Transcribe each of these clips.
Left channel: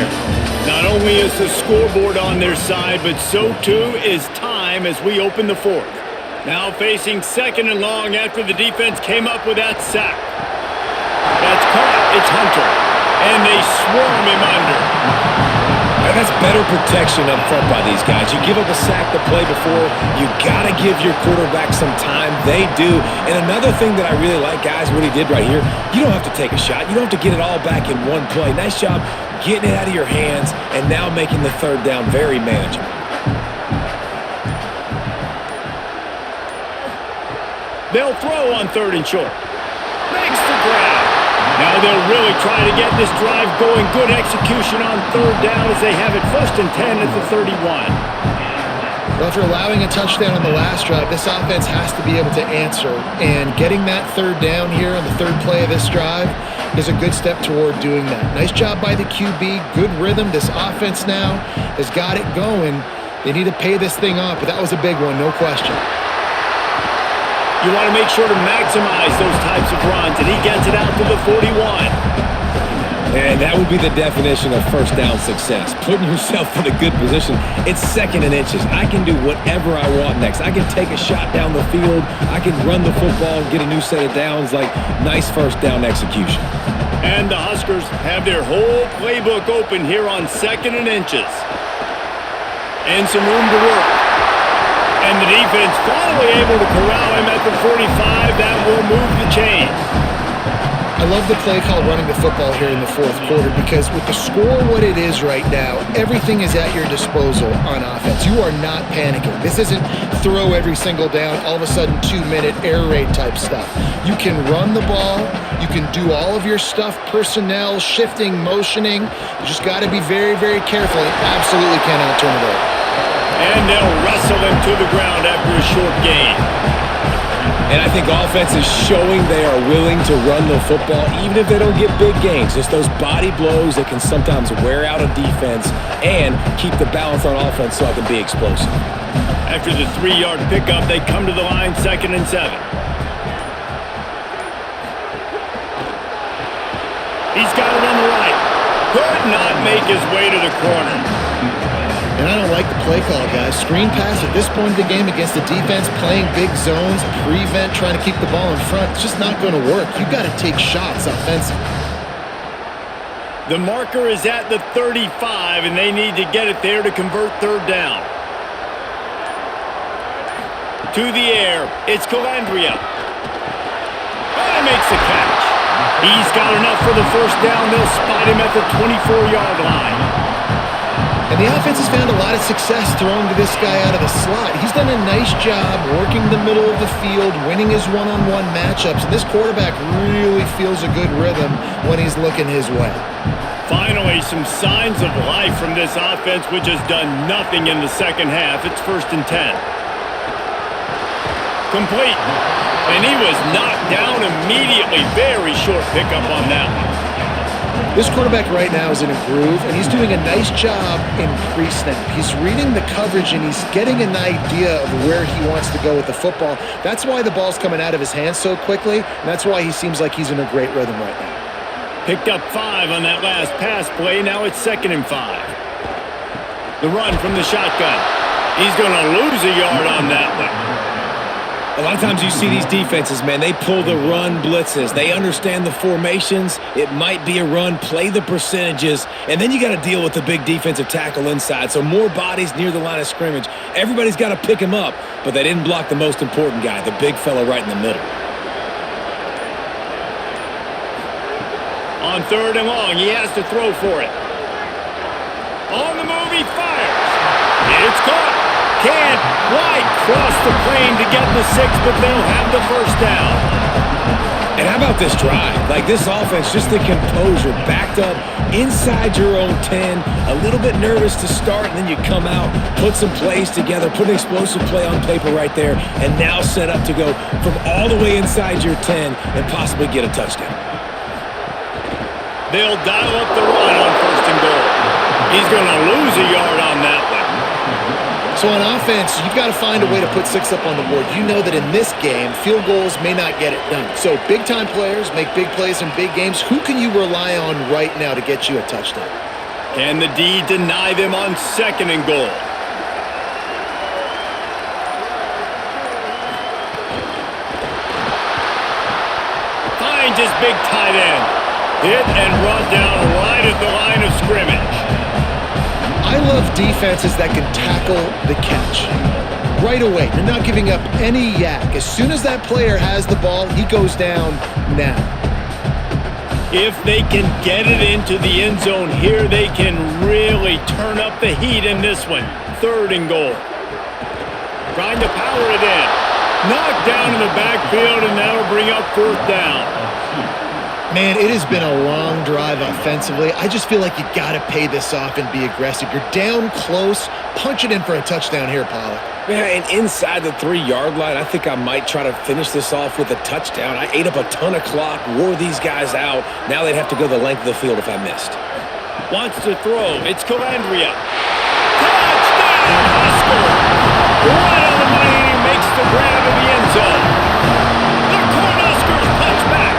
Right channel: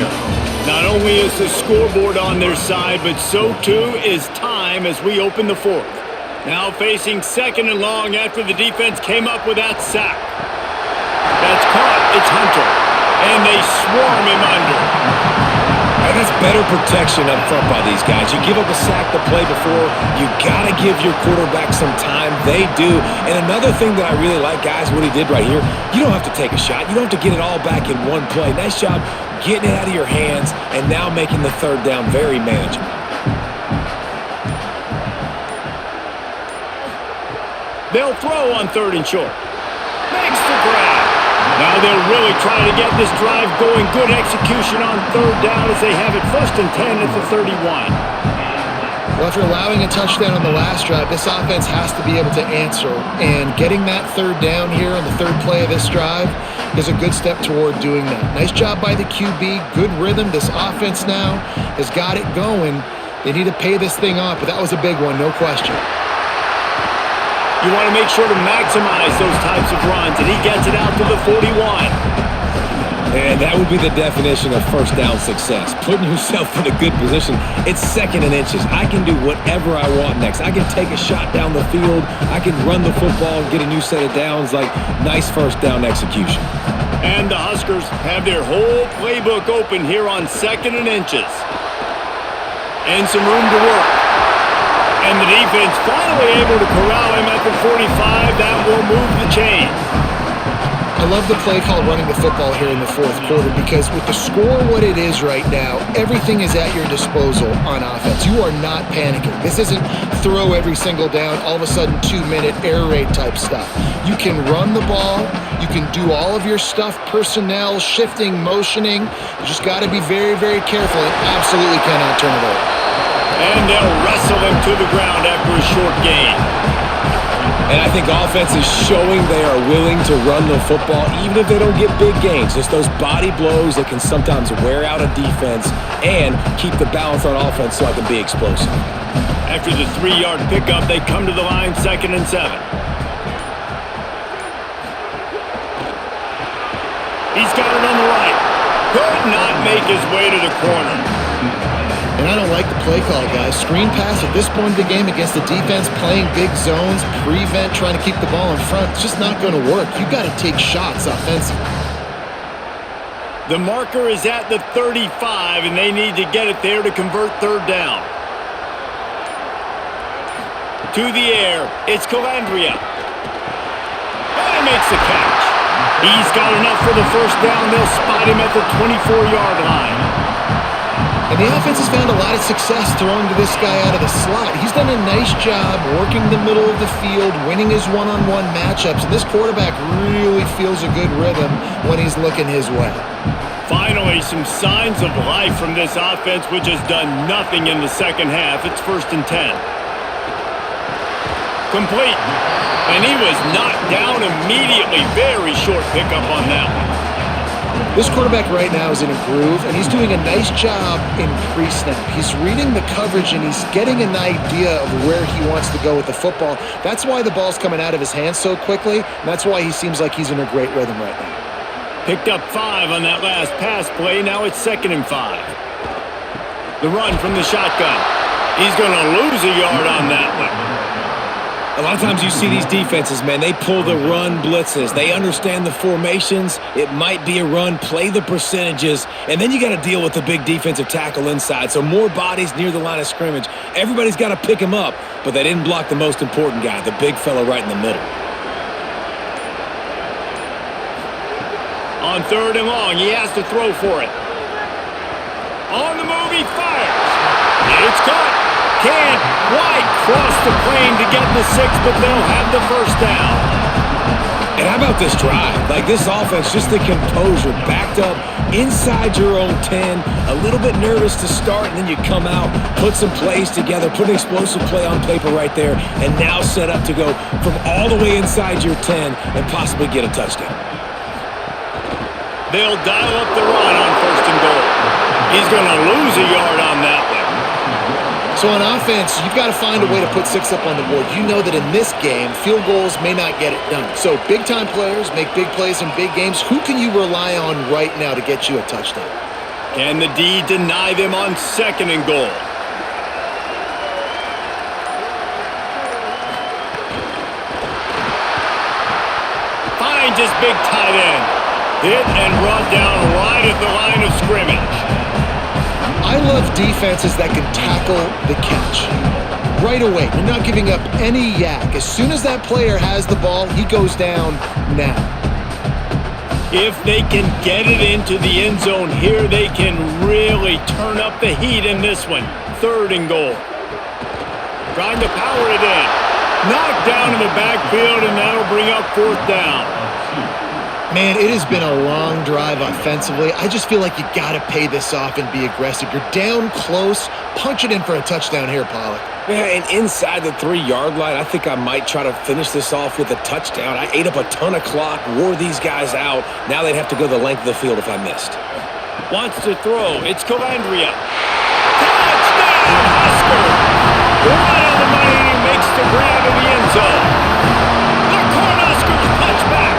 Not only is the scoreboard on their side, but so too is time as we open the fourth. Now facing second and long after the defense came up with that sack. That's caught. It's Hunter. And they swarm him under. And that's better protection up front by these guys. You give up a sack the play before, you got to give your quarterback some time. They do. And another thing that I really like, guys, what he did right here, you don't have to take a shot. You don't have to get it all back in one play. Nice job getting it out of your hands and now making the third down very manageable. They'll throw on third and short. Makes the grab. Now they'll really try to get this drive going. Good execution on third down as they have it 1st and 10 at the 31. Well, after allowing a touchdown on the last drive, this offense has to be able to answer. And getting that third down here on the third play of this drive is a good step toward doing that. Nice job by the QB. Good rhythm. This offense now has got it going. They need to pay this thing off, but that was a big one, no question. You want to make sure to maximize those types of runs, and he gets it out to the 41. And that would be the definition of first down success. Putting yourself in a good position. It's 2nd and inches. I can do whatever I want next. I can take a shot down the field. I can run the football and get a new set of downs. Like, nice first down execution. And the Huskers have their whole playbook open here on 2nd and inches. And some room to work. And the defense finally able to corral him at the 45. That will move the chains. I love the play call running the football here in the fourth quarter because with the score what it is right now, everything is at your disposal on offense. You are not panicking. This isn't throw every single down, all of a sudden 2-minute air raid type stuff. You can run the ball. You can do all of your stuff, personnel, shifting, motioning. You just got to be very, very careful and absolutely cannot turn it over. And they'll wrestle him to the ground after a short gain. And I think offense is showing they are willing to run the football even if they don't get big gains. Just those body blows that can sometimes wear out a defense and keep the balance on offense so I can be explosive. After the 3-yard pickup, they come to the line 2nd and 7. He's got it on the right. Could not make his way to the corner. And I don't like the play call, guys. Screen pass at this point of the game against the defense, playing big zones, prevent, trying to keep the ball in front. It's just not going to work. You've got to take shots offensively. The marker is at the 35, and they need to get it there to convert third down. To the air, it's Calandria. Oh, he makes the catch. He's got enough for the first down. They'll spot him at the 24-yard line. And the offense has found a lot of success throwing to this guy out of the slot. He's done a nice job working the middle of the field, winning his one-on-one matchups. And this quarterback really feels a good rhythm when he's looking his way. Finally, some signs of life from this offense, which has done nothing in the second half. It's 1st and 10. Complete. And he was knocked down immediately. Very short pickup on that one. This quarterback right now is in a groove, and he's doing a nice job in pre-snap. He's reading the coverage, and he's getting an idea of where he wants to go with the football. That's why the ball's coming out of his hands so quickly, and that's why he seems like he's in a great rhythm right now. Picked up 5 on that last pass play. Now it's 2nd and 5. The run from the shotgun. He's going to lose a yard on that one. A lot of times you see these defenses, man, they pull the run blitzes. They understand the formations. It might be a run, play the percentages, and then you got to deal with the big defensive tackle inside. So more bodies near the line of scrimmage. Everybody's got to pick him up, but they didn't block the most important guy, the big fella right in the middle. On 3rd and long, he has to throw for it. On the move, he fires. It's caught. Can't quite cross the plane to get the 6, but they'll have the first down. And how about this drive? Like this offense, just the composure, backed up inside your own 10, a little bit nervous to start, and then you come out, put some plays together, put an explosive play on paper right there, and now set up to go from all the way inside your 10 and possibly get a touchdown. They'll dial up the run on 1st and goal. He's going to lose a yard on that one. So on offense, you've got to find a way to put 6 up on the board. You know that in this game, field goals may not get it done. So big-time players make big plays in big games. Who can you rely on right now to get you a touchdown? Can the D deny them on 2nd and goal? Finds his big tight end. Hit and brought down right at the line of scrimmage. I love defenses that can tackle the catch. Right away, you're not giving up any yak. As soon as that player has the ball, he goes down now. If they can get it into the end zone here, they can really turn up the heat in this one. 3rd and goal. Trying to power it in. Knocked down in the backfield, and that'll bring up 4th down. Man, it has been a long drive offensively. I just feel like you got to pay this off and be aggressive. You're down close. Punch it in for a touchdown here, Pollock. Yeah, and inside the 3-yard line, I think I might try to finish this off with a touchdown. I ate up a ton of clock, wore these guys out. Now they'd have to go the length of the field if I missed. Wants to throw. It's Calandria. Touchdown, Huskers! Right on the money, and he makes the grab in the end zone. The Cornhuskers punch back.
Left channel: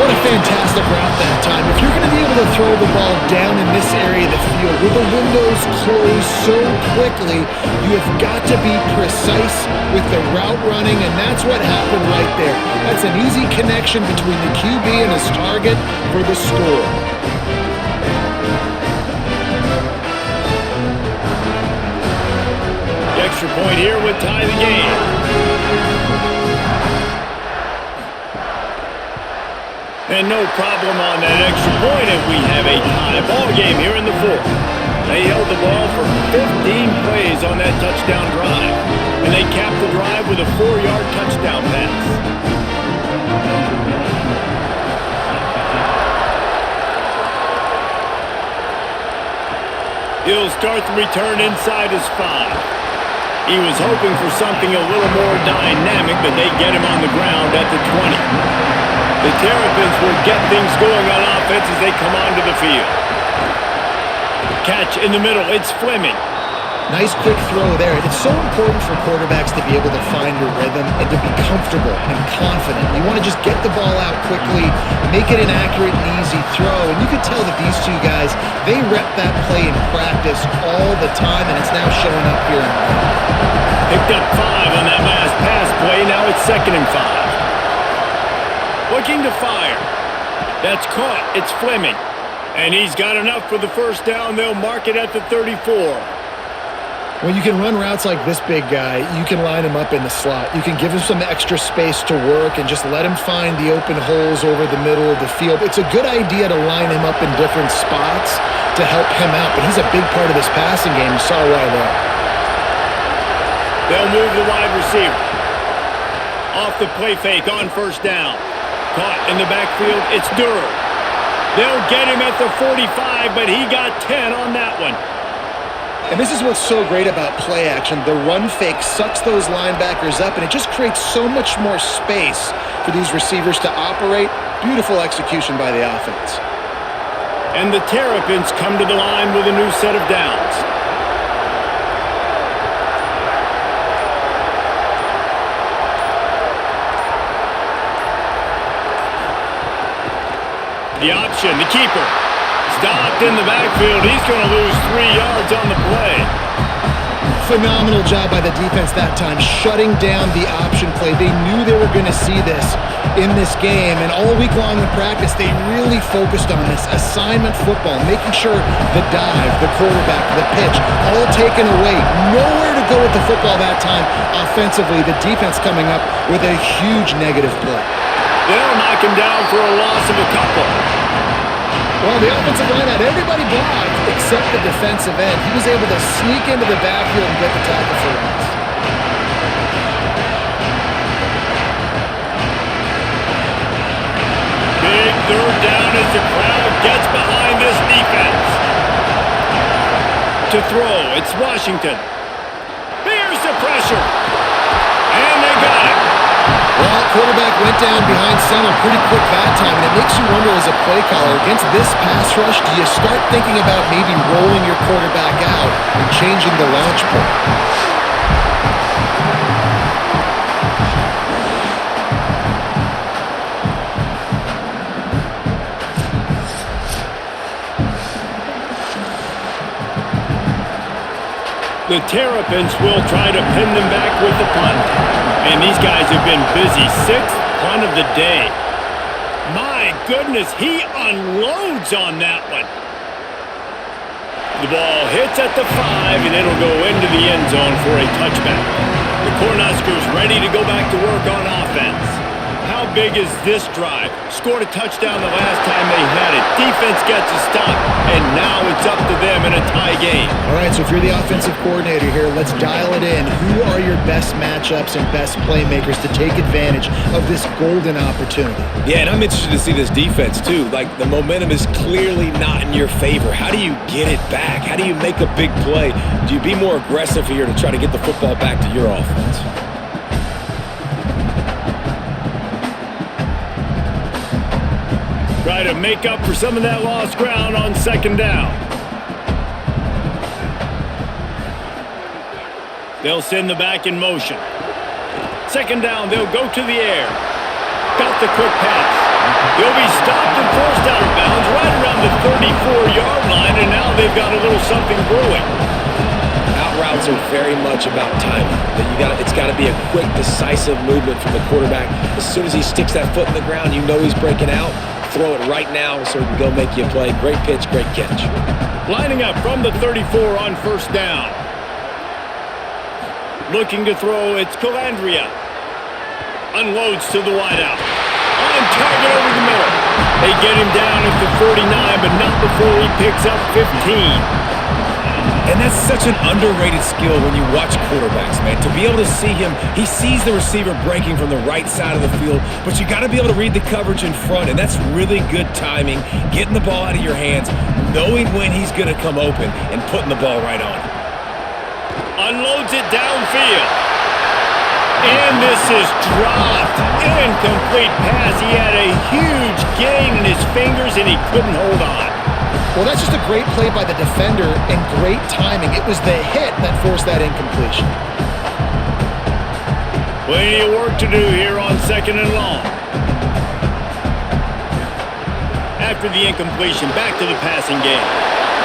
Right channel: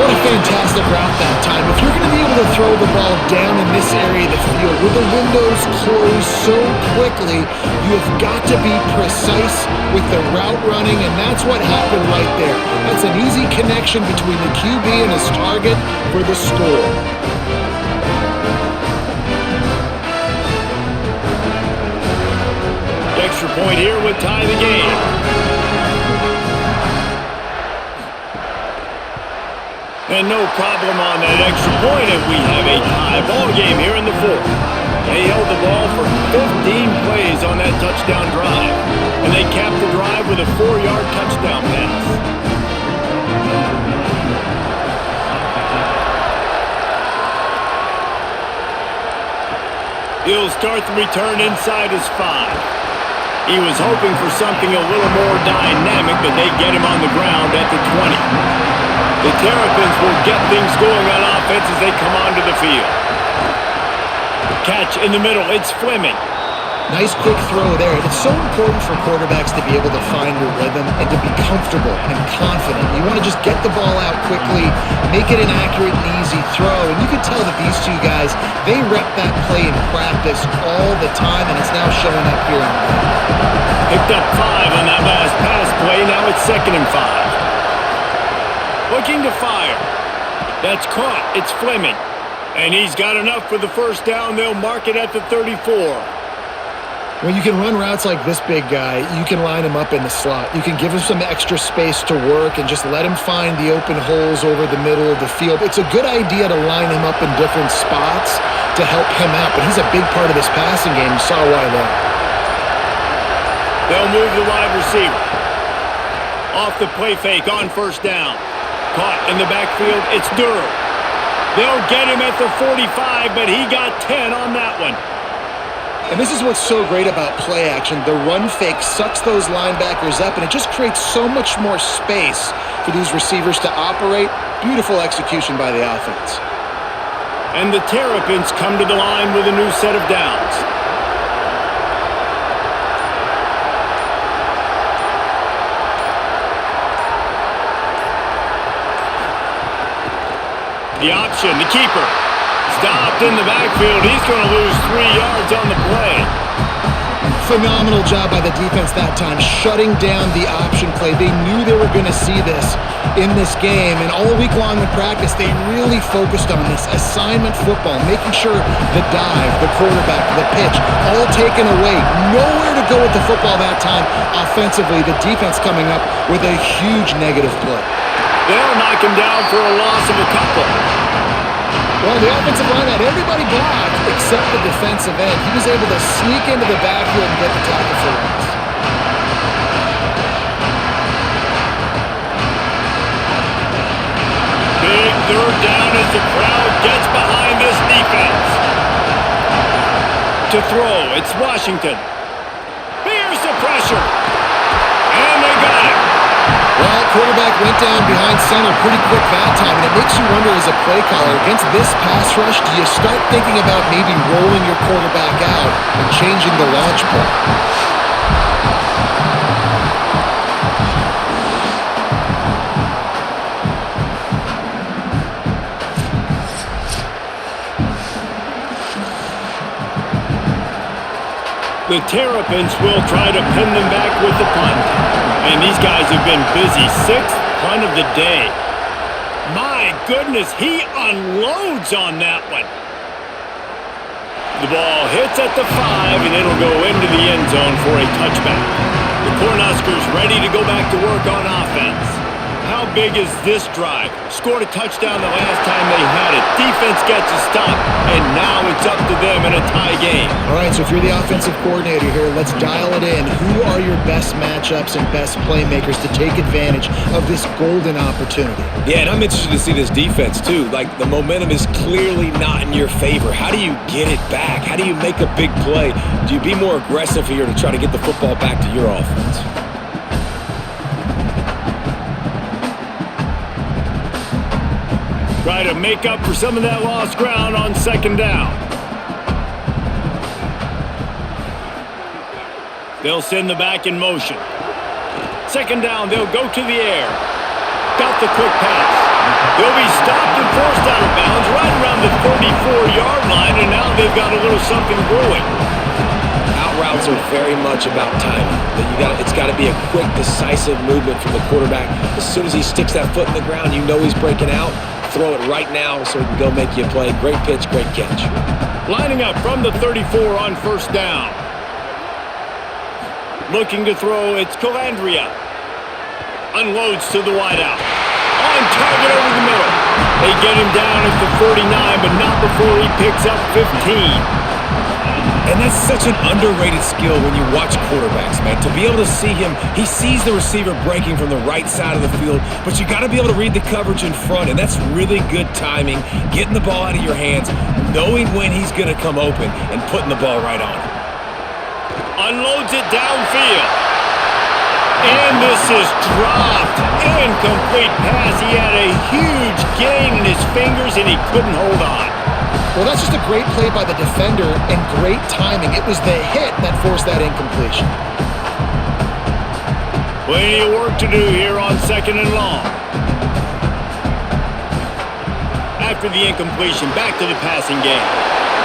What a fantastic route that time. If you're going to be able to throw the ball down in this area of the field with the windows closed so quickly, you have got to be precise with the route running, and that's what happened right there. That's an easy connection between the QB and his target for the score. The extra point here would tie the game. And no problem on that extra point, and we have a tie ball game here in the 4th. They held the ball for 15 plays on that touchdown drive, and they capped the drive with a 4-yard touchdown pass. He'll start the return inside his 5. He was hoping for something a little more dynamic, but they get him on the ground at the 20. The Terrapins will get things going on offense as they come onto the field. Catch in the middle. It's Fleming. Nice quick throw there. It's so important for quarterbacks to be able to find a rhythm and to be comfortable and confident. You want to just get the ball out quickly, make it an accurate and easy throw. And you can tell that these two guys, they rep that play in practice all the time, and it's now showing up here. Picked up 5 on that last pass play. Now it's 2nd and 5. Looking to fire. That's caught. It's Fleming. And he's got enough for the first down. They'll mark it at the 34. When you can run routes like this big guy, you can line him up in the slot. You can give him some extra space to work and just let him find the open holes over the middle of the field. It's a good idea to line him up in different spots to help him out, but he's a big part of this passing game. You saw why there. They'll move the wide receiver. Off the play fake on first down. Caught in the backfield, it's Durr. They'll get him at the 45, but he got 10 on that one. And this is what's so great about play action. The run fake sucks those linebackers up, and it just creates so much more space for these receivers to operate. Beautiful execution by the offense. And the Terrapins come to the line with a new set of downs. The option, the keeper. Stopped in the backfield. He's going to lose 3 yards on the play. Phenomenal job by the defense that time, shutting down the option play. They knew they were going to see this in this game, and all week long in practice, they really focused on this assignment football, making sure the dive, the quarterback, the pitch, all taken away. Nowhere to go with the football that time offensively. The defense coming up with a huge negative play. They'll knock him down for a loss of a couple. Well, the offensive line had everybody blocked except the defensive end. He was able to sneak into the backfield and get the tackle for loss. Big 3rd down as the crowd gets behind this defense. To throw, it's Washington. Here's the pressure. And they got him. Well, quarterback went down behind center pretty quick that time, and it makes you wonder as a play caller, against this pass rush, do you start thinking about maybe rolling your quarterback out and changing the launch point? The Terrapins will try to pin them back with the punt. And these guys have been busy. 6th punt of the day. My goodness, he unloads on that one. The ball hits at the 5, and it'll go into the end zone for a touchback. The Cornhuskers ready to go back to work on offense. How big is this drive? Scored a touchdown the last time they had it. Defense gets a stop, and now it's up to them in a tie game. All right, so if you're the offensive coordinator here, let's dial it in. Who are your best matchups and best playmakers to take advantage of this golden opportunity? Yeah, and I'm interested to see this defense, too. Like, the momentum is clearly not in your favor. How do you get it back? How do you make a big play? Do you be more aggressive here to try to get the football back to your offense? Try to make up for some of that lost ground on 2nd down. They'll send the back in motion. 2nd down, they'll go to the air. Got the quick pass. They'll be stopped and forced out of bounds right around the 34-yard line, and now they've got a little something brewing. Out routes are very much about timing. It's got to be a quick, decisive movement from the quarterback. As soon as he sticks that foot in the ground, you know he's breaking out. Throw it right now so he can go make you a play. Great pitch, great catch. Lining up from the 34 on 1st down. Looking to throw, it's Calandria. Unloads to the wideout. On target over the middle. They get him down at the 49, but not before he picks up 15. And that's such an underrated skill when you watch quarterbacks, man. To be able to see him, he sees the receiver breaking from the right side of the field, but you got to be able to read the coverage in front, and that's really good timing, getting the ball out of your hands, knowing when he's going to come open, and putting the ball right on him. Unloads it downfield. And this is dropped. Incomplete pass. He had a huge gain in his fingers, and he couldn't hold on. Well, that's just a great play by the defender and great timing. It was the hit that forced that incompletion. Plenty of work to do here on 2nd and long. After the incompletion, back to the passing game.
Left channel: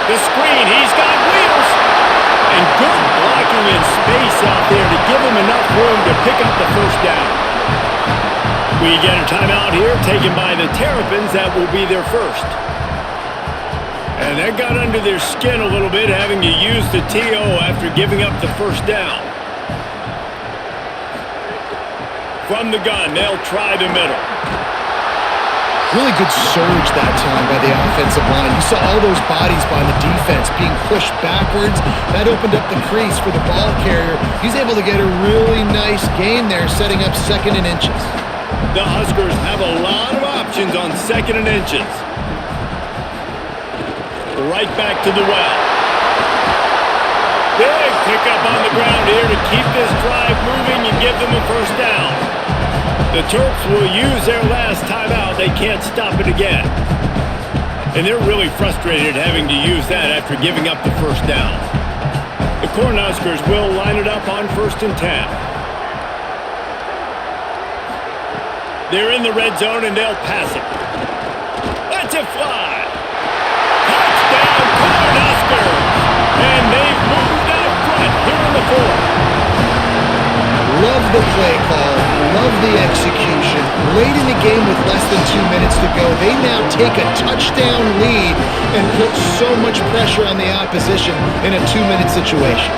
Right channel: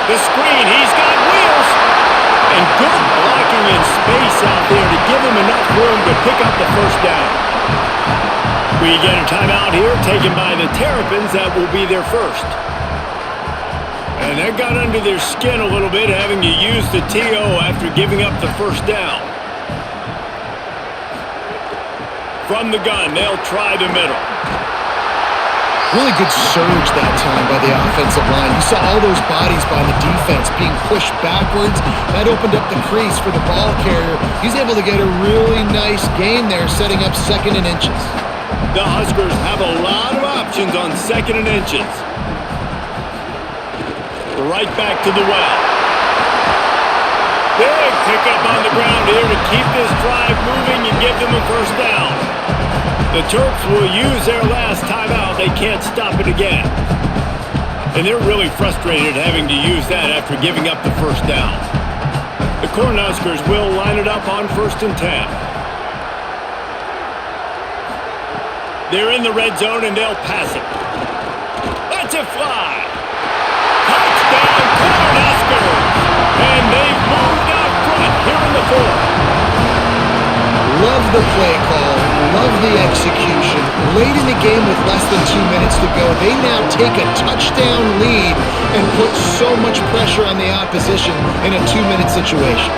The screen, he's got wheels. And good blocking in space out there to give him enough room to pick up the 1st down. We get a timeout here taken by the Terrapins. That will be their first. And that got under their skin a little bit, having to use the TO after giving up the 1st down. From the gun, they'll try the middle. Really good surge that time by the offensive line. You saw all those bodies by the defense being pushed backwards. That opened up the crease for the ball carrier. He's able to get a really nice gain there, setting up 2nd and inches. The Huskers have a lot of options on 2nd and inches. Right back to the well. Big pickup on the ground here to keep this drive moving and give them a 1st down. The Terps will use their last timeout. They can't stop it again. And they're really frustrated having to use that after giving up the 1st down. The Cornhuskers will line it up on 1st and 10. They're in the red zone and they'll pass it. Let's it fly. Touchdown, Cornhuskers! And they've moved out front here in the 4th. Love the play call, love the execution. Late in the game with less than 2 minutes to go, they now take a touchdown lead and put so much pressure on the opposition in a 2-minute situation.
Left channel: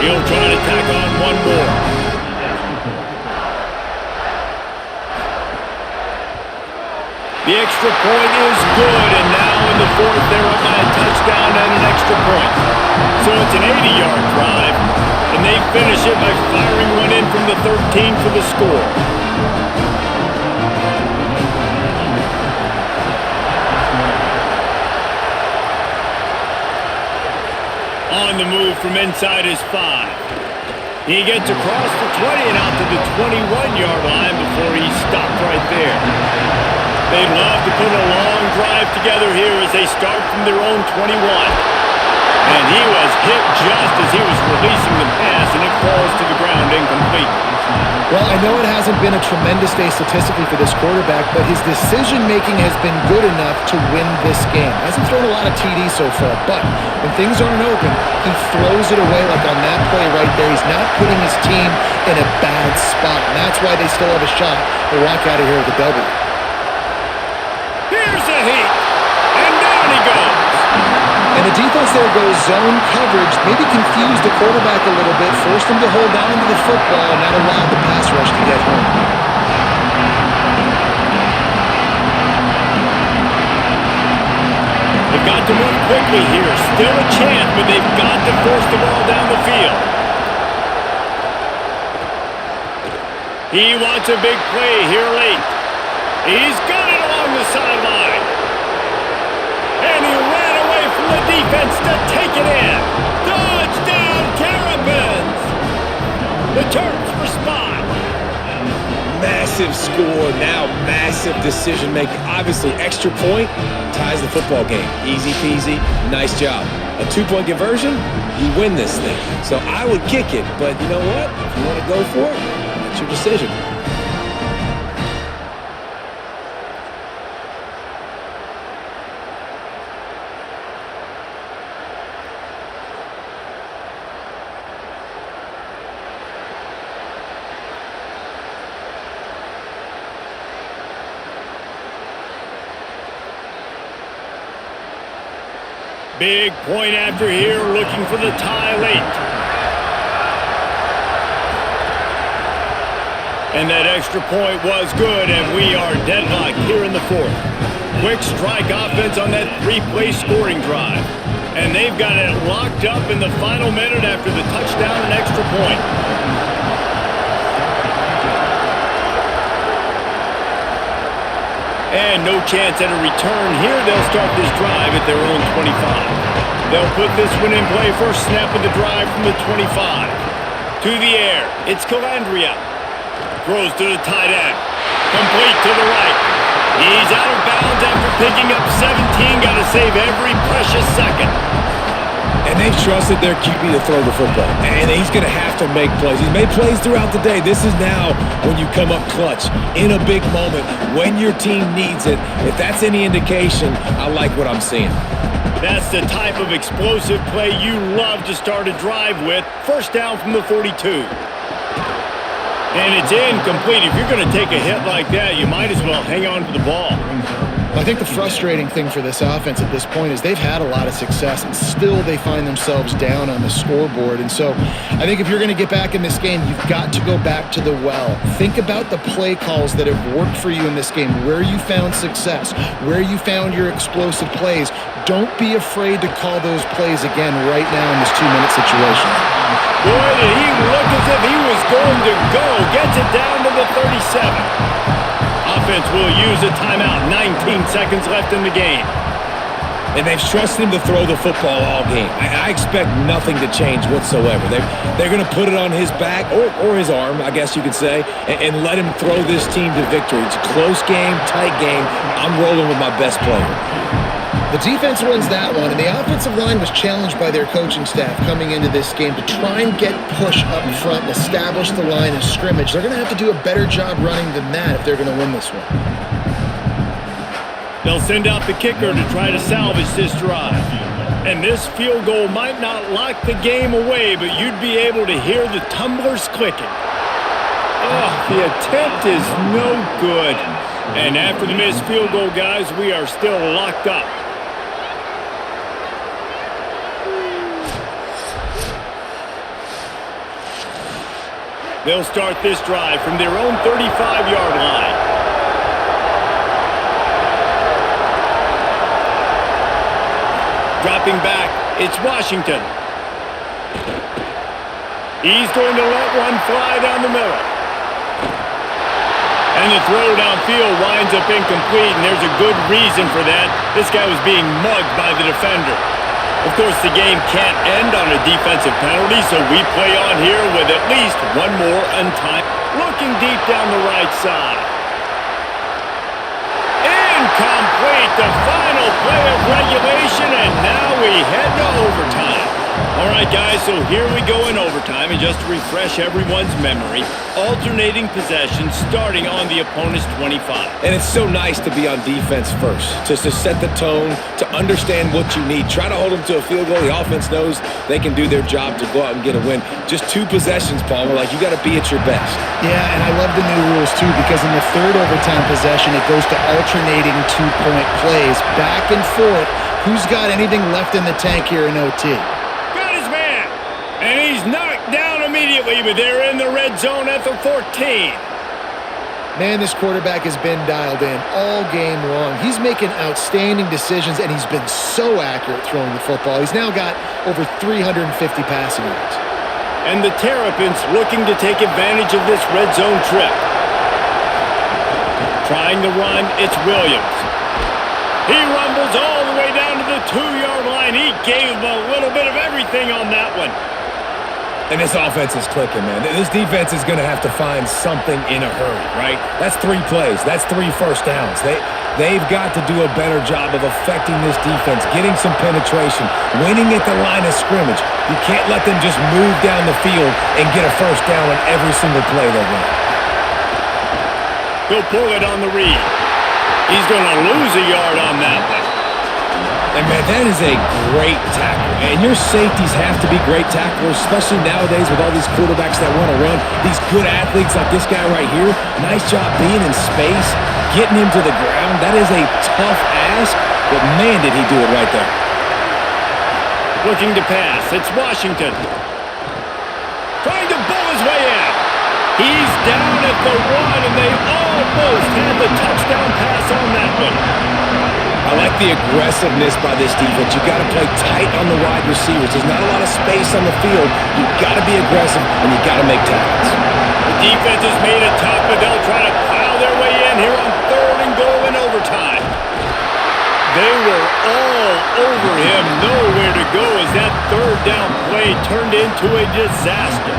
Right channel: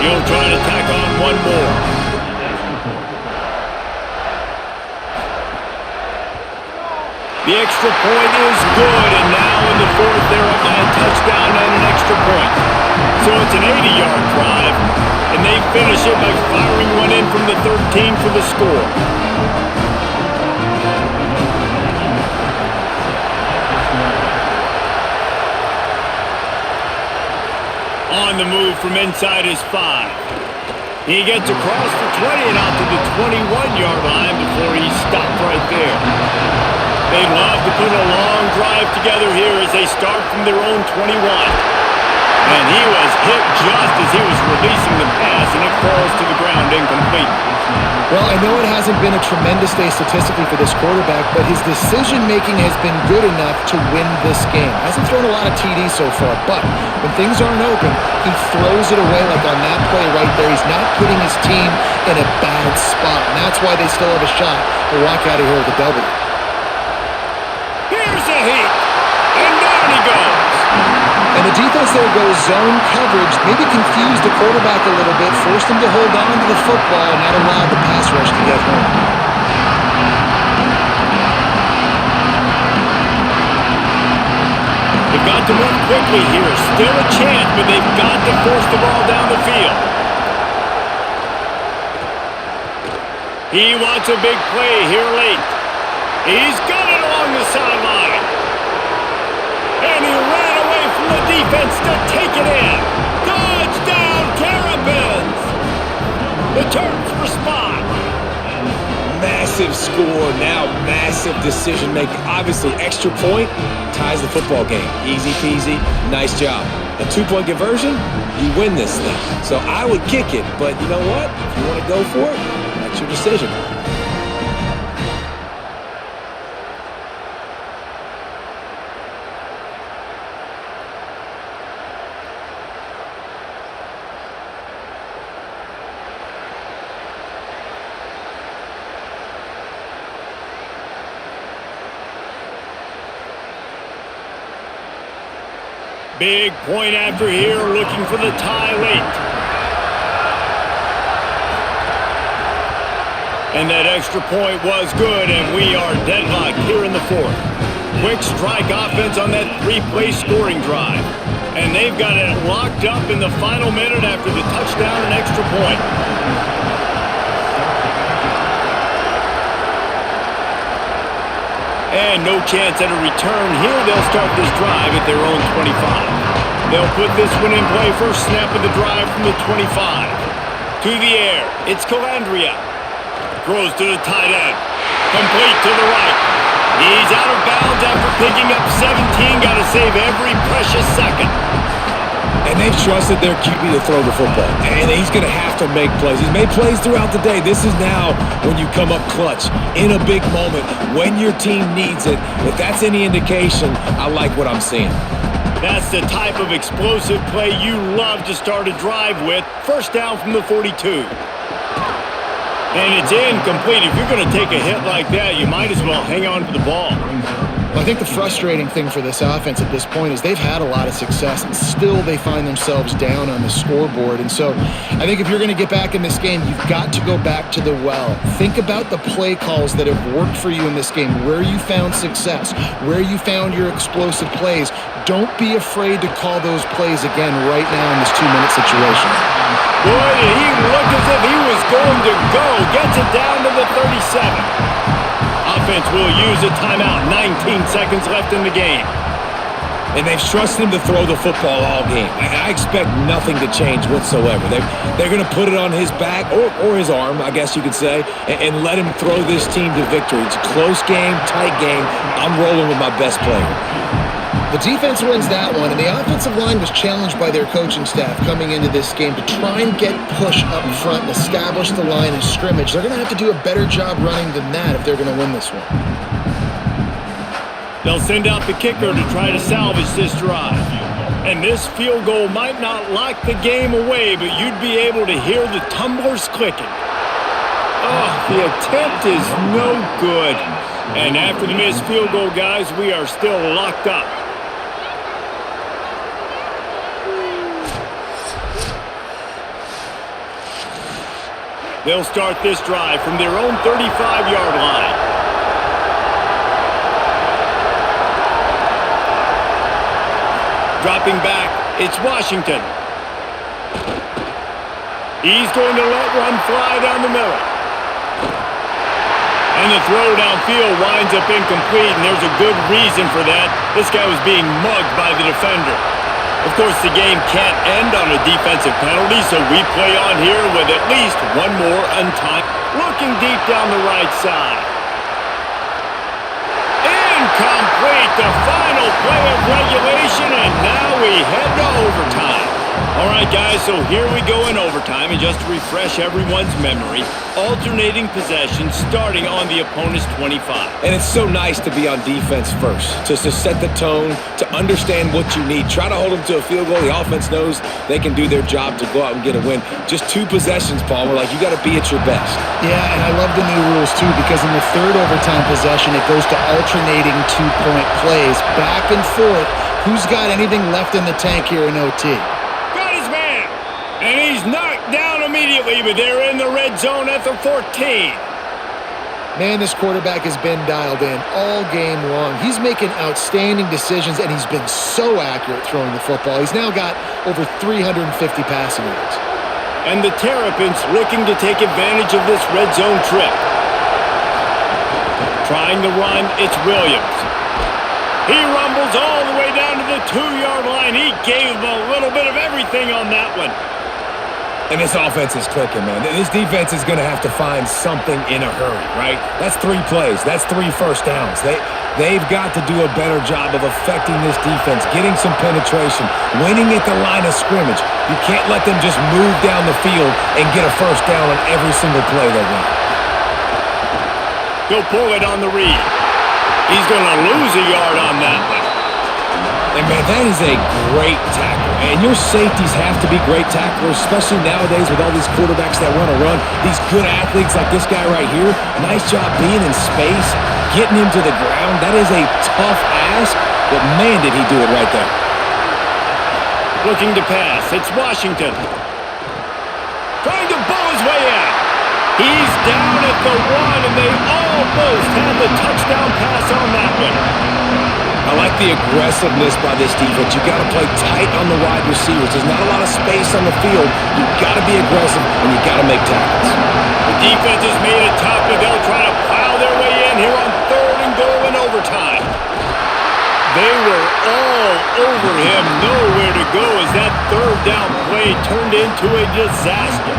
He'll try to tack on one more. The extra point is good, and now in the 4th, they're up by a touchdown and an extra point. So it's an 80-yard drive, and they finish it by firing one in from the 13 for the score. On the move from inside his 5. He gets across the 20 and out to the 21-yard line before he's stopped right there. They'd love to put a long drive together here as they start from their own 21. And he was hit just as he was releasing the pass, and it falls to the ground incomplete. Well, I know it hasn't been a tremendous day statistically for this quarterback, but his decision-making has been good enough to win this game. Hasn't thrown a lot of TDs so far, but when things aren't open, he throws it away like on that play right there. He's not putting his team in a bad spot, and that's why they still have a shot to walk out of here with a W. Here's a heat, and down he goes. And the defense there goes zone coverage, maybe confused the quarterback a little bit, forced him to hold on to the football, and that allowed the pass rush to get home. They've got to move quickly here. Still a chance, but they've got to force the ball down the field. He wants a big play here late. He's got it along the sideline. And he ran away from the defense to take it in. Touchdown, Terrapins! The Terps respond. Massive score, now massive decision-making. Obviously, extra point ties the football game. Easy peasy, nice job. A 2-point conversion, you win this thing. So I would kick it, but you know what? If you want to go for it, that's your decision. Big point after here, looking for the tie late. And that extra point was good, and we are deadlocked here in the fourth. Quick strike offense on that 3-play scoring drive. And they've got it locked up in the final minute after the touchdown and extra point. And no chance at a return here. They'll start this drive at their own 25. They'll put this one in play. First snap of the drive from the 25. To the air. It's Calandria. Throws to the tight end. Complete to the right. He's out of bounds after picking up 17. Got to save every precious second. And they've trusted their QB to throw the football. And he's going to have to make plays. He's made plays throughout the day. This is now when you come up clutch in a big moment when your team needs it. If that's any indication, I like what I'm seeing. That's the type of explosive play you love to start a drive with. First down from the 42. And it's incomplete. If you're going to take a hit like that, you might as well hang on to the ball. Well, I think the frustrating thing for this offense at this point is they've had a lot of success, and still they find themselves down on the scoreboard. And so I think if you're going to get back in this game, you've got to go back to the well. Think about the play calls that have worked for you in this game, where you found success, where you found your explosive plays. Don't be afraid to call those plays again right now in this 2-minute situation. Boy, did he look as if he was going to go. Gets it down to the 37. Offense will use a timeout. 19 seconds left in the game. And they've trusted him to throw the football all game. And I expect nothing to change whatsoever. They're going to put it on his back or his arm, I guess you could say, and let him throw this team to victory. It's a close game, tight game. I'm rolling with my best player. The defense wins that one, and the offensive line was challenged by their coaching staff coming into this game to try and get push up front and establish the line of scrimmage. They're going to have to do a better job running than that if they're going to win this one. They'll send out the kicker to try to salvage this drive. And this field goal might not lock the game away, but you'd be able to hear the tumblers clicking. Oh, the attempt is no good. And after the missed field goal, guys, we are still locked up. They'll start this drive from their own 35-yard line. Dropping back, it's Washington. He's going to let one fly down the middle. And the throw downfield winds up incomplete, and there's a good reason for that. This guy was being mugged by the defender. Of course, the game can't end on a defensive penalty, so we play on here with at least one more untimed. Looking deep down the right side. Incomplete, the final play of regulation, and now we head to overtime. All right, guys, so here we go in overtime, and just to refresh everyone's memory, alternating possession starting on the opponent's 25. And it's so nice to be on defense first, just to set the tone, to understand what you need. Try to hold them to a field goal. The offense knows they can do their job to go out and get a win. Just 2 possessions, Palmer, like you got to be at your best. Yeah, and I love the new rules, too, because in the third overtime possession, it goes to alternating 2-point plays, back and forth. Who's got anything left in the tank here in OT? Got his man, and he's knocked down immediately, but they're in the red zone at the 14. Man, this quarterback has been dialed in all game long. He's making outstanding decisions, and he's been so accurate throwing the football. He's now got over 350 passing yards. And the Terrapins looking to take advantage of this red zone trip. Trying to run, it's Williams. He rumbles all the way down to the 2-yard line. He gave him a little bit of everything on that one. And this offense is clicking, man. This defense is going to have to find something in a hurry, right? That's 3 plays. That's 3 first downs. They've got to do a better job of affecting this defense, getting some penetration, winning at the line of scrimmage. You can't let them just move down the field and get a first down on every single play they run. He'll pull it on the read. He's going to lose a yard on that one. And, man, that is a great tackle. And your safeties have to be great tacklers, especially nowadays with all these quarterbacks that want to run. These good athletes like this guy right here, nice job being in space, getting him to the ground. That is a tough ask, but, man, did he do it right there. Looking to pass. It's Washington. Trying to bull his way in. He's down at the 1, and they almost had the touchdown pass on that one. I like the aggressiveness by this defense. You got to play tight on the wide receivers. There's not a lot of space on the field. You got to be aggressive, and you got to make tackles. The defense has made it tough, but they'll try to plow their way in here on 3rd and goal in overtime. They were all over him, nowhere to go as that 3rd down play turned into a disaster.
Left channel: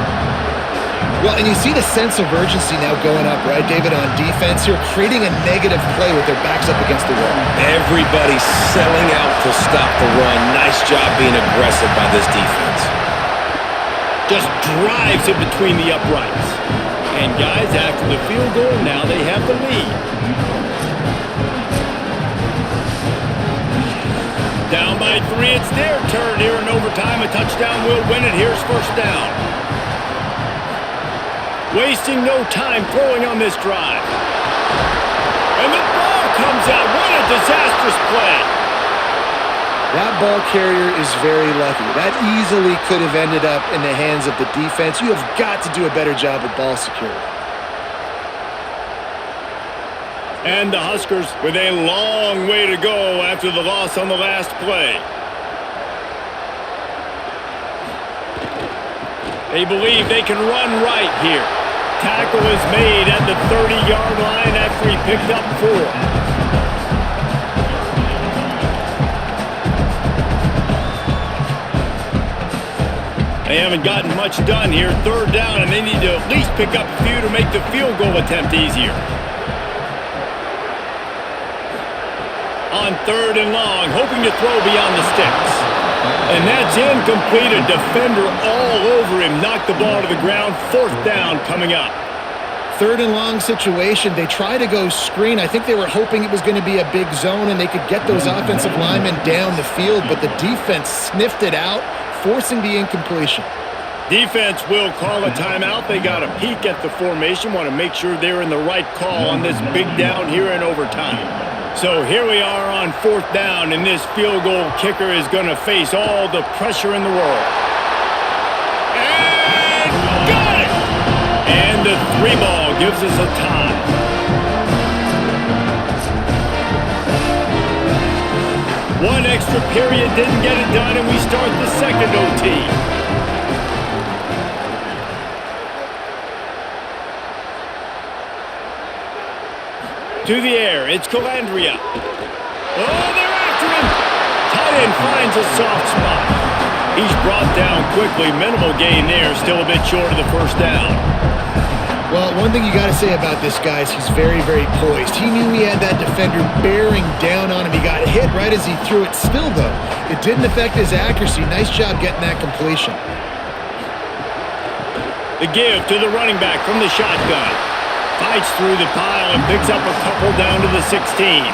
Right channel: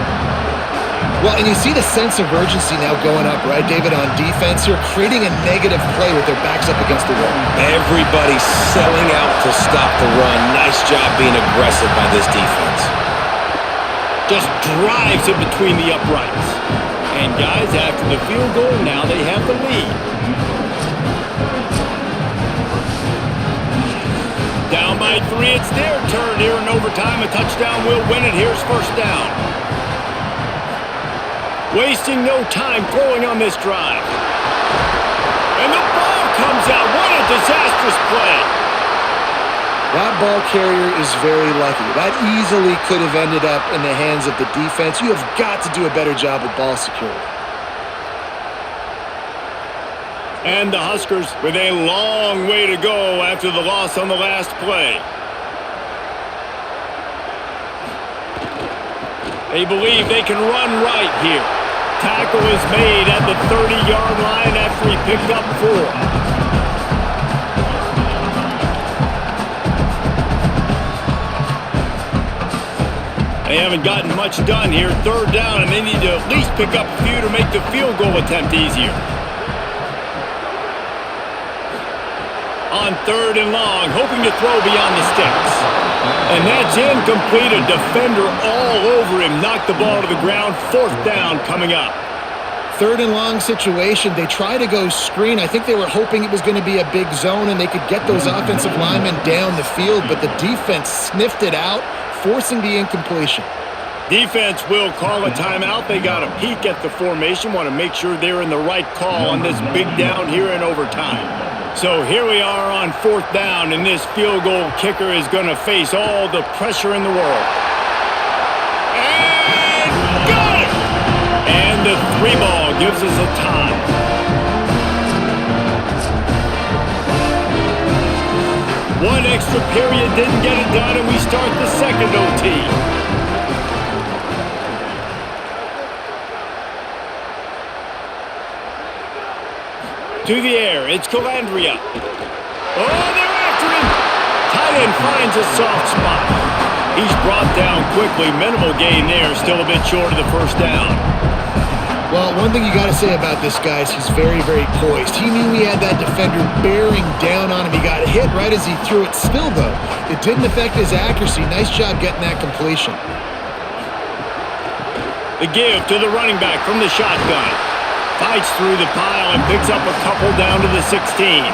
Well, and you see the sense of urgency now going up, right, David, on defense here, creating a negative play with their backs up against the wall. Everybody's selling out to stop the run. Nice job being aggressive by this defense. Just drives it between the uprights. And, guys, after the field goal, now they have the lead. Down by 3, it's their turn here in overtime. A touchdown will win it. Here's first down. Wasting no time throwing on this drive. And the ball comes out. What a disastrous play. That ball carrier is very lucky. That easily could have ended up in the hands of the defense. You have got to do a better job with ball security. And the Huskers with a long way to go after the loss on the last play. They believe they can run right here. Tackle is made at the 30-yard line after he picked up 4. They haven't gotten much done here. 3rd down, and they need to at least pick up a few to make the field goal attempt easier. On 3rd and long, hoping to throw beyond the sticks. And that's incomplete. A defender all over him. Knocked the ball to the ground. 4th down coming up. 3rd and long situation. They try to go screen. I think they were hoping it was going to be a big zone and they could get those offensive linemen down the field, but the defense sniffed it out, forcing the incompletion. Defense will call a timeout. They got a peek at the formation. Want to make sure they're in the right call on this big down here in overtime. So here we are on 4th down, and this field goal kicker is going to face all the pressure in the world. And got it! And the 3 ball gives us a tie. One extra period didn't get it done, and we start the second OT. To the air, it's Calandria. Oh, they're after him. Tight end finds a soft spot. He's brought down quickly. Minimal gain there, still a bit short of the first down. Well, one thing you got to say about this guy is he's very, very poised. He knew he had that defender bearing down on him. He got hit right as he threw it. Still, though, it didn't affect his accuracy. Nice job getting that completion. The give to the running back from the shotgun. Fights through the pile and picks up a couple down to the 16.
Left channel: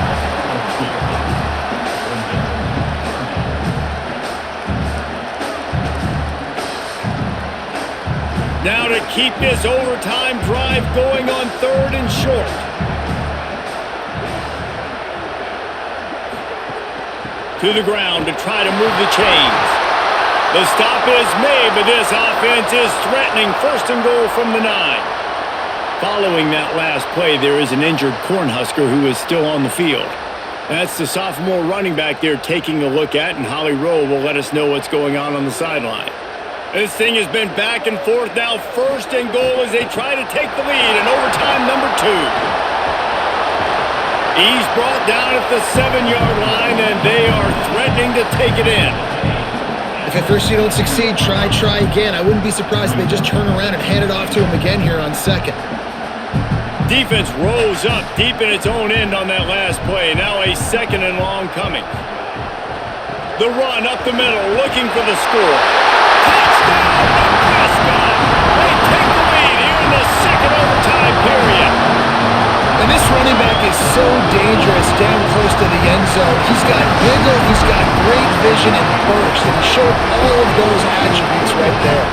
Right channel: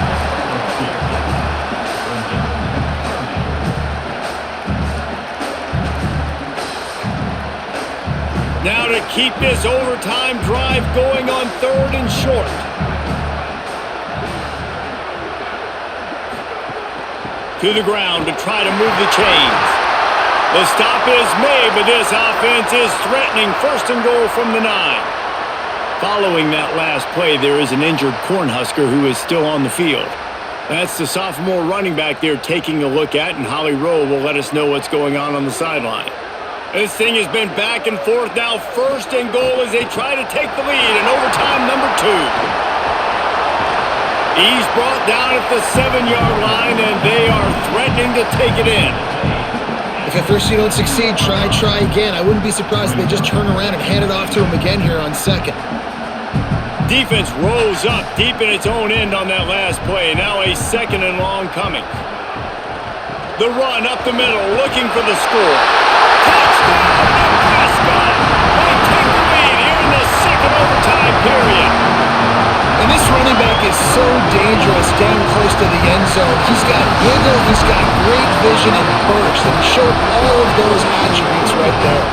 Now to keep this overtime drive going on 3rd and short. To the ground to try to move the chains. The stop is made, but this offense is threatening 1st and goal from the 9. Following that last play, there is an injured Cornhusker who is still on the field. That's the sophomore running back they're taking a look at, and Holly Rowe will let us know what's going on the sideline. This thing has been back and forth now. 1st and goal as they try to take the lead in overtime number 2. He's brought down at the 7-yard line, and they are threatening to take it in. If at first you don't succeed, try again. I wouldn't be surprised if they just turn around and hand it off to him again here on 2nd. Defense rose up deep in its own end on that last play. Now a 2nd and long coming. The run up the middle, looking for the score. Touchdown, Nebraska! They take the lead here in the 2nd overtime period. And this running back is so dangerous down close to the end zone. He's got wiggle, he's got great vision and burst, and he showed all of those attributes right there.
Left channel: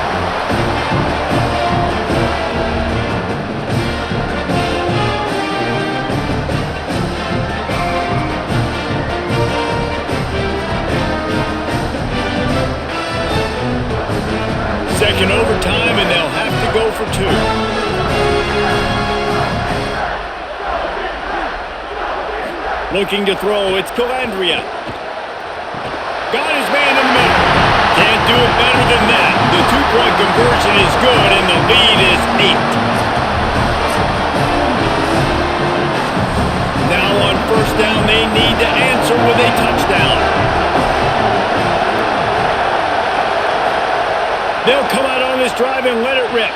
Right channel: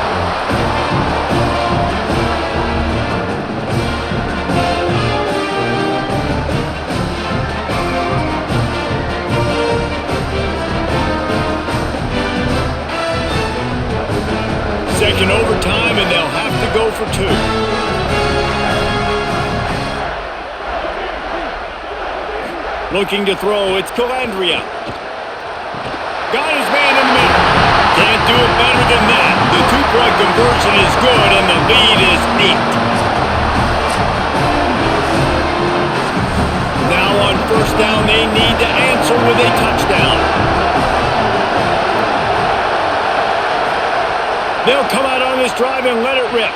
Second overtime, and they'll have to go for 2. Looking to throw, it's Calandria. Got his man in the middle. Can't do it better than that. The 2-point conversion is good, and the lead is 8. Now on 1st down, they need to answer with a touchdown. They'll come out on this drive and let it rip.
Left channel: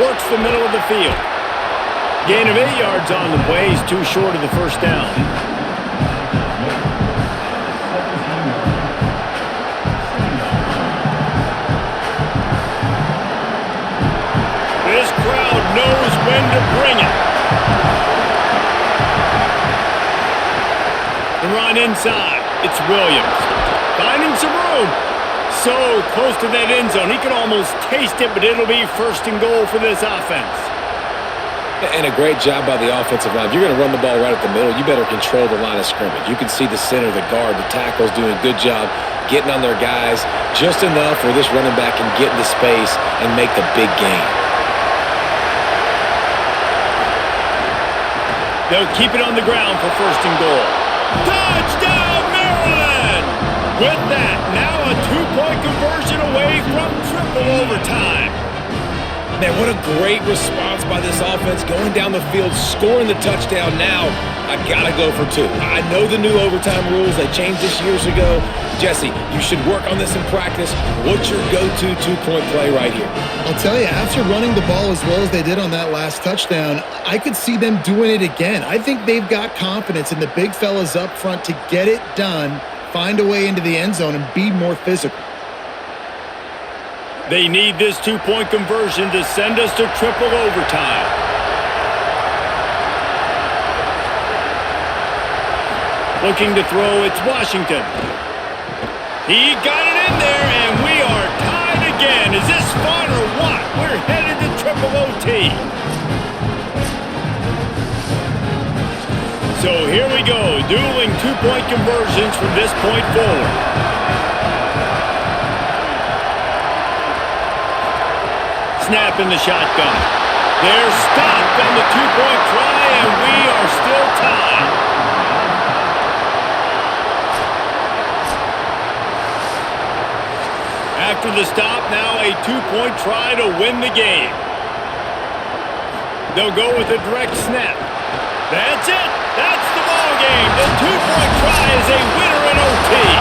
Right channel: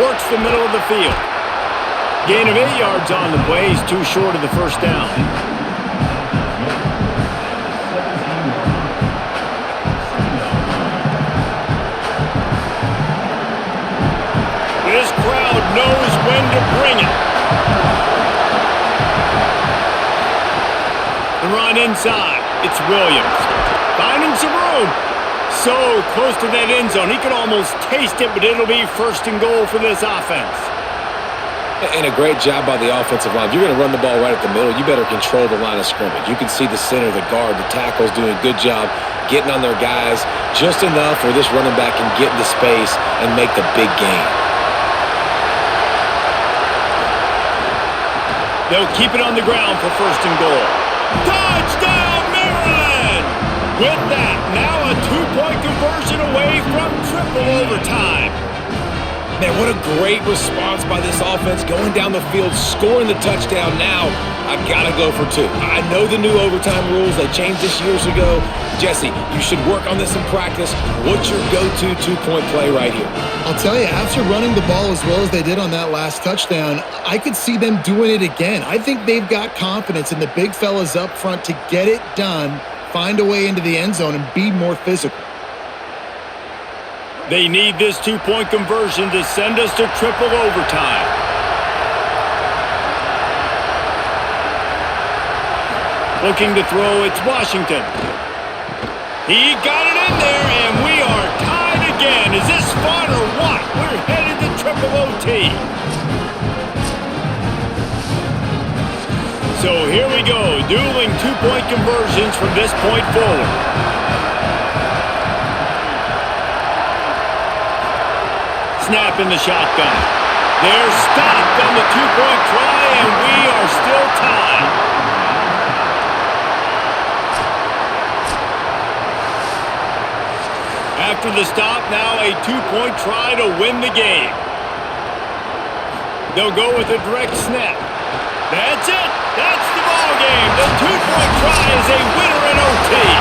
Works the middle of the field. Gain of 8 yards on the play. He's too short of the 1st down. This crowd knows when to bring it. The run inside. It's Williams. Finding some room. So close to that end zone. He can almost taste it, but it'll be 1st and goal for this offense. And a great job by the offensive line. If you're going to run the ball right at the middle, you better control the line of scrimmage. You can see the center, the guard, the tackles doing a good job getting on their guys just enough where this running back can get into space and make the big gain. They'll keep it on the ground for 1st and goal. Touchdown, Maryland! With that, now a 2-point conversion away from triple overtime. Man, what a great response by this offense. Going down the field, scoring the touchdown. Now, I got to go for 2. I know the new overtime rules. They changed this years ago. Jesse, you should work on this in practice. What's your go-to 2-point play right here? I'll tell you, after running the ball as well as they did on that last touchdown, I could see them doing it again. I think they've got confidence in the big fellas up front to get it done, find a way into the end zone, and be more physical. They need this 2-point conversion to send us to triple overtime. Looking to throw, it's Washington. He got it in there, and we are tied again. Is this fun or what? We're headed to triple OT. So here we go, dueling 2-point conversions from this point forward. Snap in the shotgun. They're stopped on the 2-point try, and we are still tied. After the stop, now a 2-point try to win the game. They'll go with a direct snap. That's it. That's the ball game. The 2-point try is a winner in OT.